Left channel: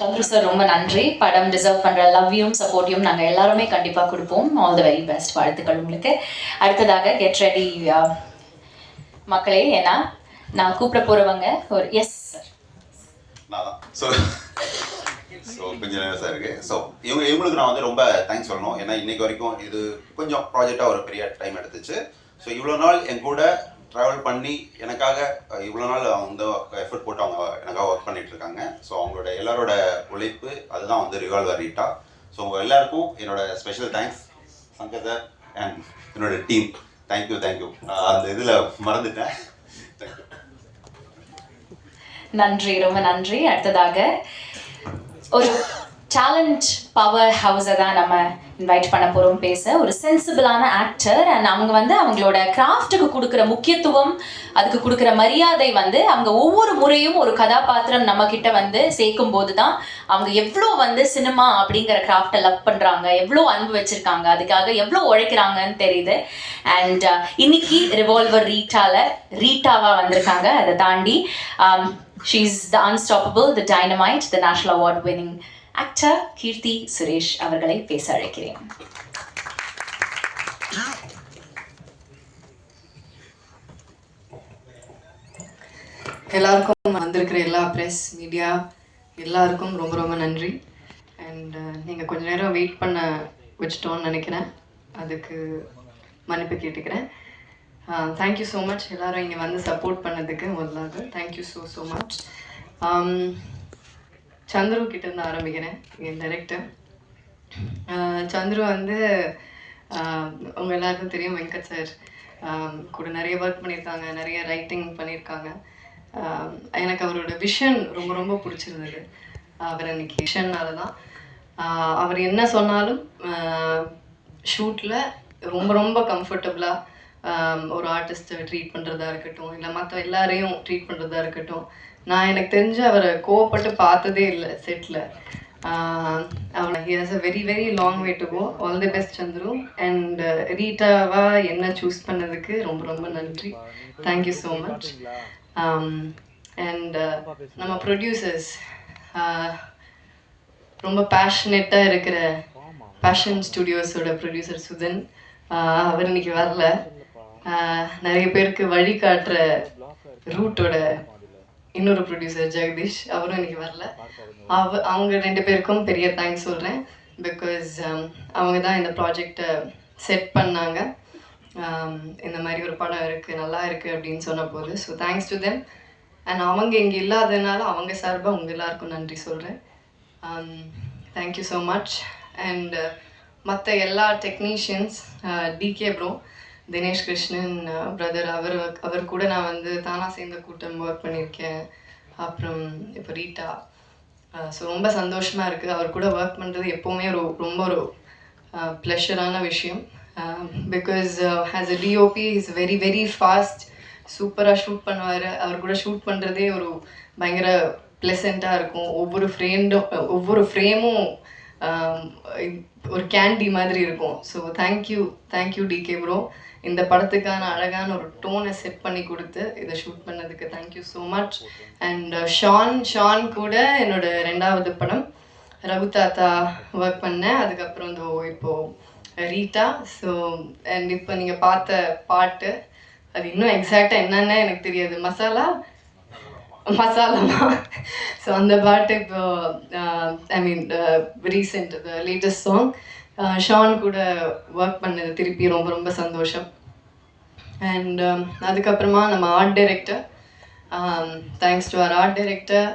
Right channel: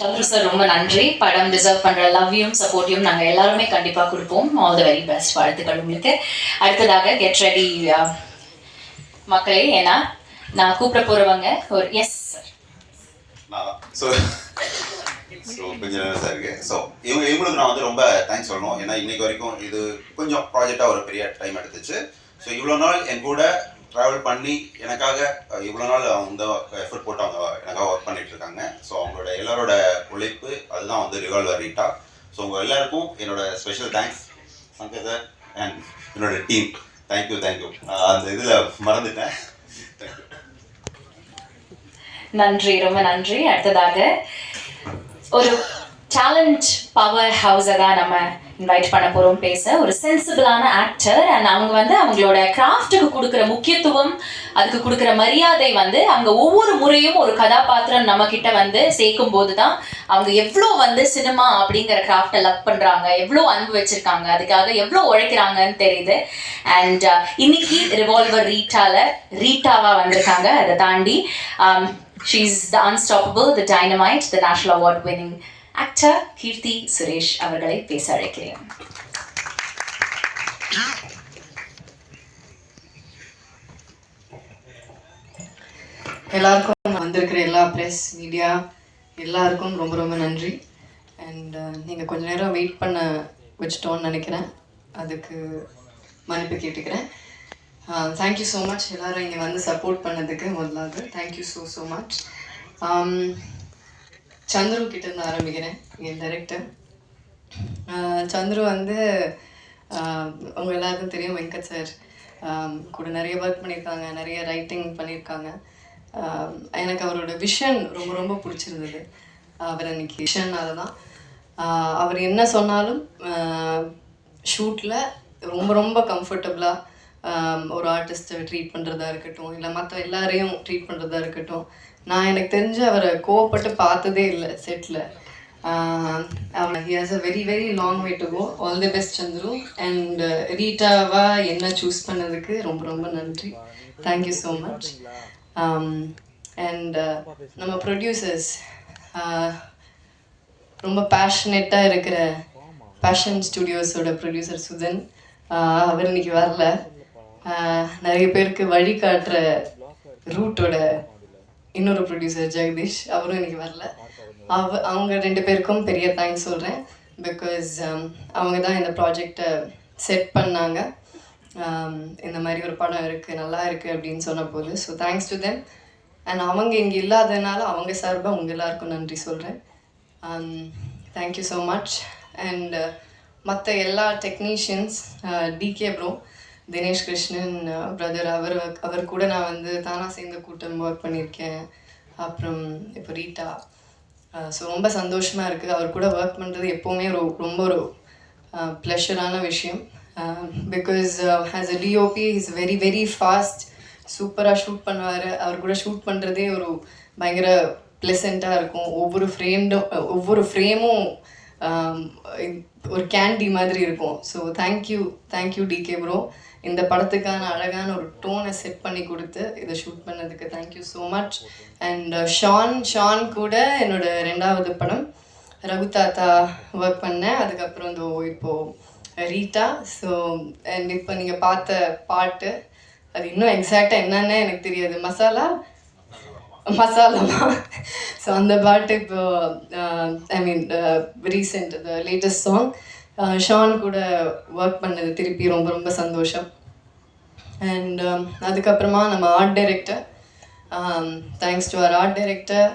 Chandru sir ரொம்ப நன்றி. படம் டிசர்வ் பண்ணுற லவ்வையும் சப்போர்ட்டையும் நாங்கள் எல்லாருமே கண்டிப்பாக கொடுப்போம். All the very best. வாழ்த்துக்கள் உங்களுக்கு. அடுத்ததாக கெட் ரெடி மக்களே. ஏன்னா நான் கூப்பிட போகிறவங்க ஒரு எஸ் சார். ஸோ கொஞ்சம் நர்வஸாக இருக்குது. ஸோ இவங்களுக்கு நான் வந்து ரொம்ப தேங்க்ஸ் சொல்லணும். ஏன்னா இன்னைக்கு வரைக்கும் இது கொஞ்சம் ப்ராஜெக்டாக ஒரு பெரிய டைம் எடுத்துச்சு. ஸோ இவ்வளோ நாள் என் கூட ட்ராவல் பண்ணி எனக்காக இவ்வளோ நாள் அவங்க எஃபர்ட் போட்டு அவங்க எனக்காக ஒர்க் பண்ணிட்டு இருக்காங்க. ஸோ அவங்களோட எல்லாரோட உழைப்பு அதுதான் வந்து ரிவால்வர் ரீட்டா. ஸோ உங்கள் எல்லாருக்கும் என்னோட special thanks. Shankar sir and என்னோட டீம் தேங்க்யூ. அந்த இதில் மறந்துட்டேன். தேங்க்யூ. நன்றி, ரொம்ப நன்றி. அடுத்ததாக ஒரு டேலண்ட் பவர் ஹவுஸை தான் நம்ம இன்வைட் பண்ண போகிறோம் பேச. ஒரு சென்சிபிளான ஆக்டர் அண்ட் அவங்க வந்து அவங்களோட கிராஃப்ட்டுக்கு கொடுக்குற முக்கியத்துவம், அதுக்கு கொடுக்குற மரியாதை வந்து அவங்க ஒவ்வொரு முறையும் ஒரு கதாபாத்திரம் நம்ம கிட்ட வந்து சேர்க்கும் போது தான் அவங்க எவ்வளோ வந்து சினிமா அப்படிங்கிற கிராஃப்டை லவ் பண்ணுறாங்க, எவ்வளோ அன்பு வச்சுருக்காங்க, அதுக்காக எவ்வளோ உழைக்கிறாங்கன்னு தெரியுது. அண்ட் இன்னைக்கு ரிவால்வர் ரீட்டாவாக வந்திருக்காங்க. அதை தாண்டி she's the unstoppable, the dynamite, the national award winning actor Keerthy Suresh அவர்களை பேச அழைக்கிறேன். எல்லாருக்கும் வந்திருக்கிற எல்லா ப்ரெஸ் மீடியா எல்லாருக்கும் ரொம்ப ரொம்ப நன்றி. அண்ட் நீங்கள் கொஞ்ச நேரம் வெயிட் பண்ண வச்சிட்டோன்னு நினைக்கிறேன். அதுக்கு மன்னிப்பு கேட்டுக்கிறேன். தேங்க்யூ ஸோ மச் எல்லோரும் இங்கே வந்து சப்போர்ட் பண்ணதுக்கு. முதலாவது தேங்க்யூ ஸோ மச். சந்துரு கிட்டேருந்து ஆரம்பிக்கிறேன். என் டைரக்டர் சந்துரு வந்து அவங்க எல்லாருக்கும் தெரியும். வெங்கட் சார் கூட நிறைய ஒர்க் பண்ணியிருக்காங்க, நிறைய ரைட்டிங் பண்ணியிருக்காங்க. எனக்கு அவரோட விஷன் ரொம்ப ரொம்ப பிடிச்சிருந்தது. அவர் அன்றைக்கி விஷன்னால தான் அவர் என்ன சொன்னாலும் ஷூட்டில் ரொம்ப ரொம்ப கம்ஃபர்டபுளாக ஒரு ஆர்டிஸ்ட்டை ட்ரீட் பண்ணுறதா இருக்கட்டும், இல்லை மற்ற எல்லாரையும் ட்ரீட் பண்ணுறதா இருக்கட்டும். நான் எனக்கு தெரிஞ்சு அவரை கோவப்பட்டு பார்த்ததே இல்லை செட்டில். He has a very very long way to go. All the best Chandru. And ரீட்டாவா என்ன சூஸ் பண்ணதுக்கு ரொம்ப ரொம்ப நன்றி. Thank you so much. அண்ட் நம்ம ப்ரொடியூசர்ஸ் ரொம்ப பேஷனேட்டாக இருக்கிற பேஷன் ஸ்டுடியோஸோட ப்ரொடியூசர் சுதன், அவர் இன்னைக்கு வரல. நிறைய பேருக்கு வழிகாட்டுற ரூட்டோட இன்னொரு ப்ரொடியூசர் ஜெகதீஷ், அவரும் இன்னைக்கு வரல. அவங்க ரெண்டு பேருக்கும் பெரிய தேங்க்ஸ் சொல்கிறேன். பிகாஸ் அவங்க தான் இந்த ப்ராஜெக்டை செட் பண்ணாங்க. இந்த மாதிரி ஒரு படம் இருக்குது, நல்லா இருக்குது அப்படின்னு சொன்ன போது. So thanks to them. And அவங்க இங்கே இல்லாததுனால அவங்க சார்பாக உங்கள் எல்லாருக்கும் நன்றி சொல்கிறேன். Thank you so much. அண்ட் மற்ற எல்லா technicians, DK bro, Dinesh Krishnan brother, அவர் கூட நான் வந்து தானா சேர்ந்த கூட்டம் ஒர்க் பண்ணியிருக்கேன். அப்புறம் இப்போ ரீட்டா. ஸோ ரொம்ப சந்தோஷமாக இருக்குது. அவர் கூட ஒர்க் பண்ணுறது எப்போவுமே ரொம்ப ஒரு ப்ளஷரான விஷயம். Because as a DOP is very very fast, சூப்பராக ஷூட் பண்ணுவார். அவர் கூட ஷூட் பண்ணுறதே ஒரு பயங்கர ப்ளசண்ட்டாக இருக்கும். ஒவ்வொரு ஃப்ரேமும் ஒரு கேண்டி மாதிரி இருக்கும். So thank you decay bro. இந்த படத்துக்கான அழகான ஒரு டோனை செட் பண்ணி கொடுத்து இதை ஷூட் பண்ணதுக்கு thank you so much. And Shaan கூட என்னோட 2வது படம் ரகு தாத்தா ஒர்க் பண்ணேன். அதுக்கப்புறம் இப்போது ரீட்டா. ஸோ அண்ட் இப்போ நீங்கள் பார்த்த பாட்டு அது இன்னும் எக்ஸாக்டாக என்னென்ன எனக்கு தெரியாது. மசாலாமா. ஸோ அந்த பாட்டு இப்போ I mean recent the latest song Shaan கூட ஒர்க் பண்ணது திருப்பி ரொம்ப ரொம்ப சந்தோஷம். அண்ட் அதுக்கப்புறமா நம்ம ஆர்ட் டைரக்டர், தேங்க்ஸ் டு அவர் art director.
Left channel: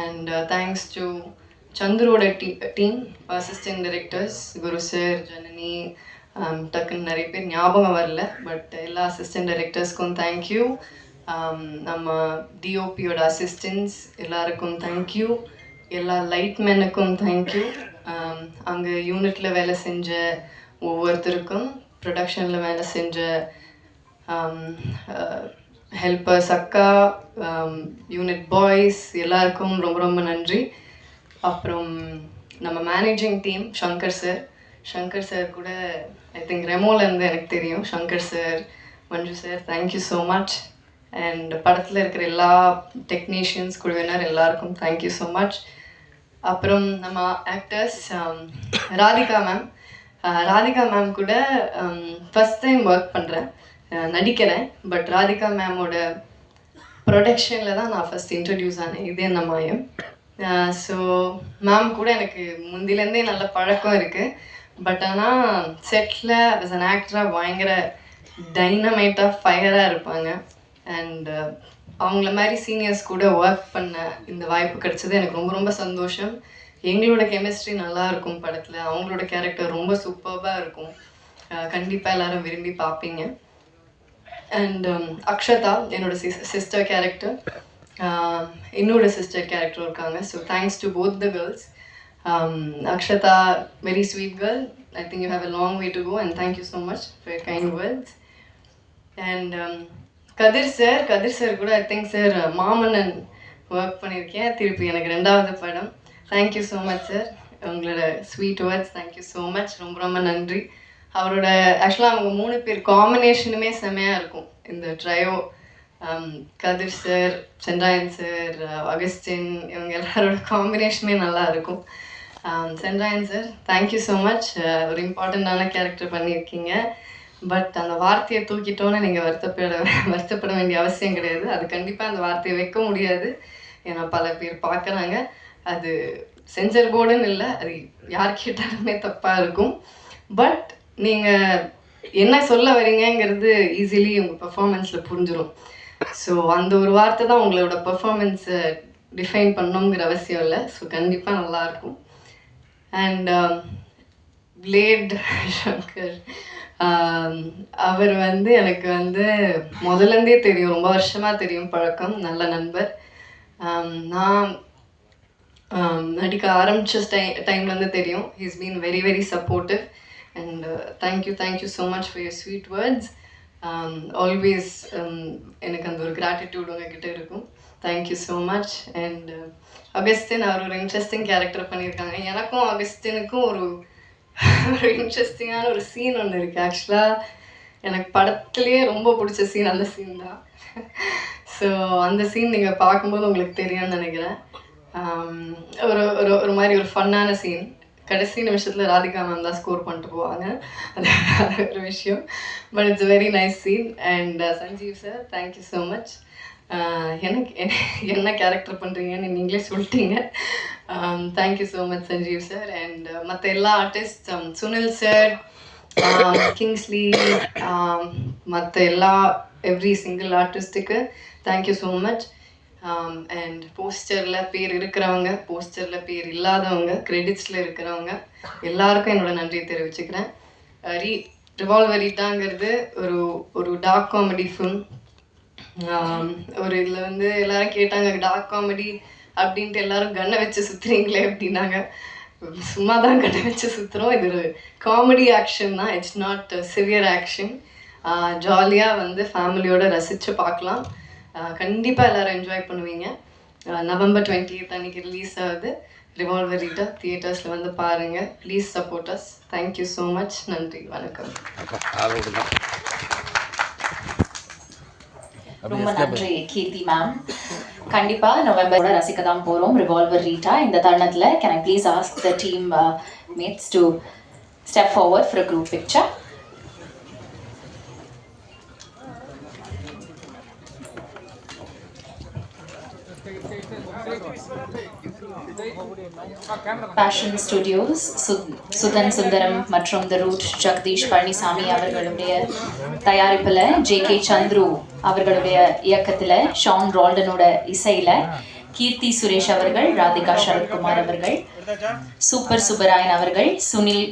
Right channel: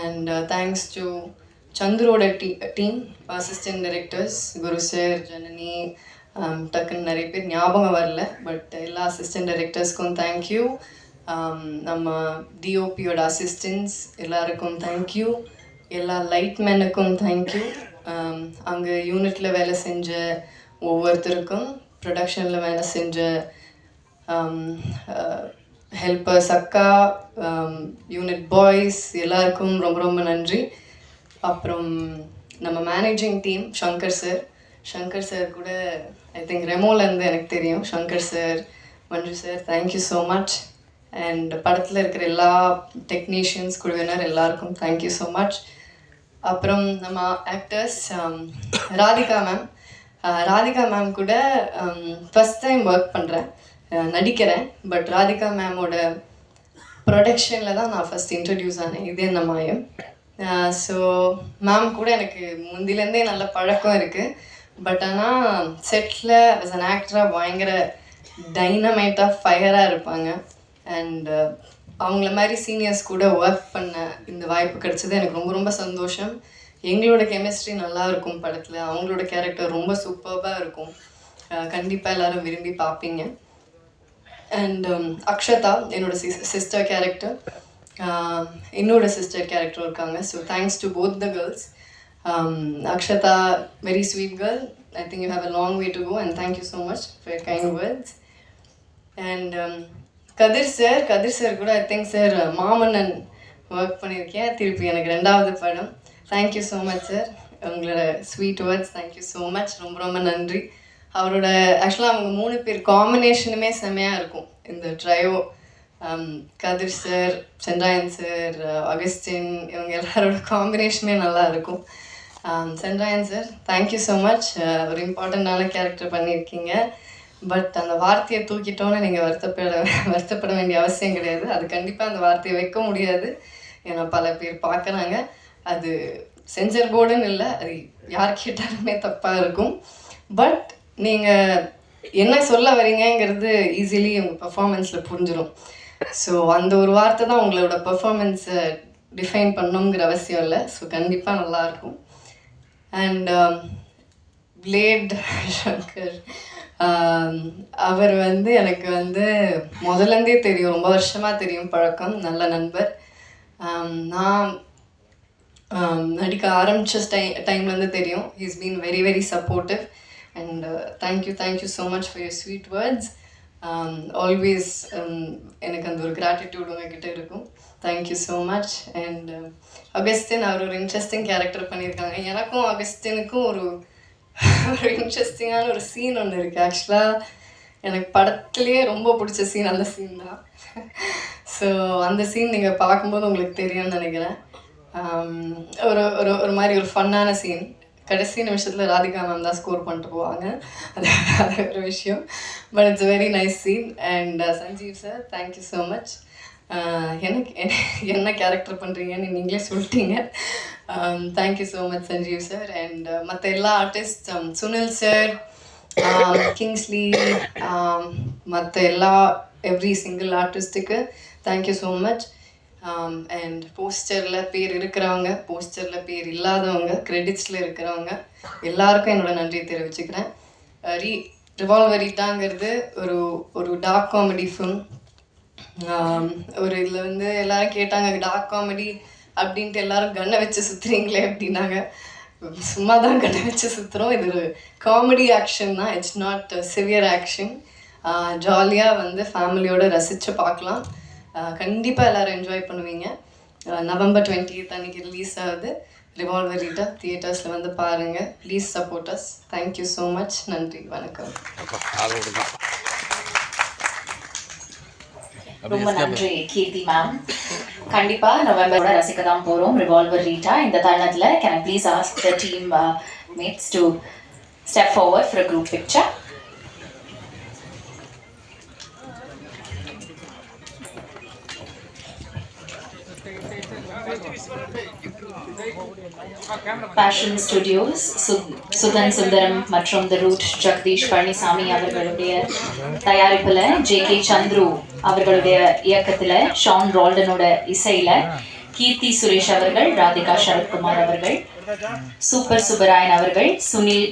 And thanks to சந்துரோட team, assistant directors Guru sir, Janani, டக்குன்னு நிறைய பேர் ஞாபகம் வரல. பட் எல்லா அசிஸ்டன்ட் டைரக்டர்ஸ்க்கும் தேங்க்யூ. நம்ம டிஓபியோட அசிஸ்டன்ஸ் எல்லாருக்கும் தேங்க்யூ. எல்லா லைட்மேனுக்கும் தேங்க்யூ. அங்கே யூனிட்டில் வேலை செஞ்ச ஒவ்வொருத்தருக்கும், ப்ரொடக்ஷனில் வேலை செஞ்ச ஹெல்பர்ஸ், அக்கா, யூனிட் பாய்ஸ் எல்லாருக்கும் ரொம்ப ரொம்ப நன்றி. அப்புறம் நம்ம மேனேஜிங் டீம் சங்கர் சார் கூட ஐ திங்க் ரெமோலேருந்து எனக்கு தெரியும். Shankar sir, Manju sir, thank you so much. And படத்தில் இருக்கிற எல்லா டெக்னீஷியன்ஸ் குழுவினர் எல்லாருக்கும் தேங்க்யூ ஸோ மச். அப்புறம் நம்ம ஆக்டர்ஸ் ராதிகா மேம் கூட ஃபஸ்ட் டைம் ஒர்க் பண்ணுறேன், நடிக்கிறேன். பட் ராதிகா மேமோட ப்ரொடக்ஷனில் தான் நான் ஃபஸ்ட் இன்ட்ரடியூஸ் ஆனேன் இதே என்ன மாயம். ஸோ மேம் கூட எனக்கு முந்திலேருந்தே நல்ல பழக்கம் இருக்குது. பட் ஆனால் செட்டில் அஸ் அன் ஆக்டராக பயங்கர டைனமைட்டாக ஃபயராக இருப்பாங்க. அண்ட் அவங்கள மாதிரி சீனியர்ஸ் கூட ஒர்க் பண்ண இந்த வாய்ப்பு கிடைச்சது எனக்கு ரொம்ப ரொம்ப சந்தோஷம். எங்களோட கெமிஸ்ட்ரி நல்லா இருக்கும் படத்தில், அவங்களோட கேரக்டர் ரொம்ப சூப்பர்பாக இருக்கும். கண்டிப்பாக எல்லோரும் விரும்பி பார்ப்பீங்க. அண்ட் அக்ஷதா என்னோட சிஸ்டர் கேரக்டர், என்னோட சிஸ்டர் கேரக்டர் இருக்காங்க. So thanks to both the girls. Akshata, very sweet girl. I think you have a long way to go, and thank you so much for your kind words. And Kadir sir கூட I think sir Maamannan work பண்ணியிருக்கேன், திருப்பி எனக்கு 2வது படம். Thank you so much sir, உங்களோட sweet words thank you so much, ரொம்ப ரொம்ப நன்றி. அவரோட ஆக்சுவலாக அவங்க 3 பேர் காம்பினேஷனுமே செம்மையாக இருக்கும் இந்த ட்ரையோ. கதிர் சார், சென்றாயன் சார், அகஸ்டின், இவங்க எல்லாரோட காம்பினேஷனுமே நல்லா இருக்கும். Sendrayan sir thank you so much, ஒரு இம்பார்ட்டண்ட்டான கேரக்டர் பண்ணியிருக்கீங்க. பட் அந்த வார்த்தையை தூக்கிட்டோன்னு நீங்கள் வருத்தப்பட வேண்டிய அவசியம் கிடையாது. அது கண்டிப்பாக அந்த வார்த்தையை வைக்க முடியாது, ஏன்னா பல பேர் பார்க்குறாங்க. அது சென்சர் போர்டுன்னு இல்லை, அது யார் கேட்டாலுமே தப்பாக இருக்கும். பட் நீங்கள் என்ன சொல்ல வரீங்கங்கிறது ஈஸிலி உங்கள் பர்ஃபார்மன்ஸில் புரிஞ்சிடும். ஸோ அந்த ஒரு வார்த்தை தான் உங்களோட பர்ஃபார்மன்ஸை டிஃபைன் பண்ணணுங்கிற அவசியம் இல்லை. ஸோ கண்டிப்பாக நல்லாயிருக்கும். அண்ட் பிளேட் சங்கர், அவர் எனக்கு முதலேருந்தே தெரியும், ரொம்ப வருஷமாக தெரியும், பழக்கம், நல்ல நண்பர். நான் நடிக்க ஆரம்பித்த டைம்லேருந்து தெரியும். He's been very very supportive. And thank you so much for your sweet words. Always எனக்கு அந்த ஒரு gratitude உங்ககிட்ட இருக்கும். Thank you so much. And Augustine, அவர் ஒரு இன்ட்ரெஸ்டிங் கேரக்டர் பண்ணியிருக்காங்க. எனக்கும் அகஸ்டினுக்கும் ஒரு இன்ட்ரெஸ்டிங்கான ஒரு சீன் ஒன்று இருக்குது. ஆக்சுவலாக எனக்கு படத்துலேயே ரொம்ப பிடிச்ச சீன் அந்த சீன் தான். ஸோ அந்த சீன் நீங்கள் பார்க்கும்போது உங்களுக்கு தெரியும்னு நினைக்கிறேன். ஒரு மாதிரி ஒரு ஃபன்னான சீன். கடைசி நிமிஷத்தில் ராதிகா மேம் தான் ஸ்கோர் பண்ணிட்டு போவாங்க, அது ஒரு விஷயம். But it's very nice scene. And Sanjeev sir thank you so much. எனக்கு என்ன கேரக்டர் பண்ணுறீங்கன்னு நீங்களே சொல்லிட்டீங்க. Thank you so much Sanjeev sir. And மற்ற எல்லா ஆர்டிஸ்ட், சுனில் சார், கிங்ஸ்லி, மற்ற எல்லா எவ்ரி சிங்கிள் ஆர்டிஸ்ட்டுக்கு தேங்க்யூ ஸோ மச். அண்ட் போஸ்டரில் பேர் இருக்கிறவங்க, போஸ்டரில் பேர் இல்லாதவங்க, கிரெடிட்ஸில் இருக்கிறவங்க எல்லாருக்கும் என்னோட நன்றியை தெரிவிச்சுக்கிறேன். ரிவால்வர் ரீட்டாங்கிறது ஒரு டார்க் காமெடி ஃபிலிம். ஒரு இதில் எல்லோரும் கேட்டாங்க, டார்க் காமெடி அப்படின்ட்டு எல்லாரும் கண்ணை வச்சு சுற்றுறீங்களே அப்படின்னாங்க. சும்மா தான் கண்ணை வச்சு சுற்றுறோம். இது ஒரு காமெடி ஆக்ஷன் தான், இட்ஸ் நாட் சிவியர் ஆக்ஷன். ஜாலியாக ஃபேமிலியோடு ரசித்து பார்க்கலாம். கண்டிப்பாக எல்லோரும் என்ஜாய் பண்ணுவீங்க. November 20th அன்றைக்கி ரிலீஸ் ஆகுது ரிவால்வர் ரீட்டா. தியேட்டர்ஸில் பாருங்கள். Please support us. Thank you so much. நன்றி, வணக்கம். ரொம்ப நன்றி கீர்த்தி மேம். கண்டிப்பாக நவம்பரோட ரசிக்க தான் போகிறோம் ரிவால்வர் ரீட்டா. இந்த தருணத்தில் can I please ask the team mates to step forward for a group picture. Passion studios, Sudhan Sundaram மற்றும் த ரூட் ஜெகதீஷ் பழனிசாமி அவர்களுடைய தயாரிப்பில், ஜே.கே. சந்துரு அவர்களுடைய இயக்கத்தில், ஷான் ரால்டனோட இசையில், கீர்த்தி சுரேஷ் அவர்கள், ராதிகா சரத்குமார் அவர்கள், சூப்பர் சுப்பராயன் அவர்கள், சுனில்,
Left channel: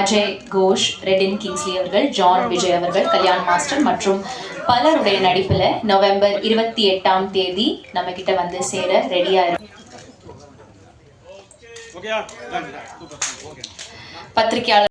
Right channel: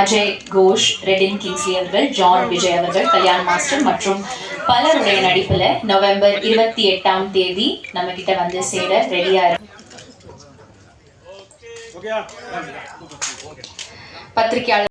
அஜய் கோஷ், ரெடின் கிங்ஸ்லி அவர்கள், ஜான் விஜய் அவர்கள், கல்யாண் மாஸ்டர் மற்றும் பலருடைய நடிப்பில் நவம்பர் 28ஆம் தேதி நம்ம கிட்ட சேர ரெடியா இருக்கு. பத்திரிகையாளர்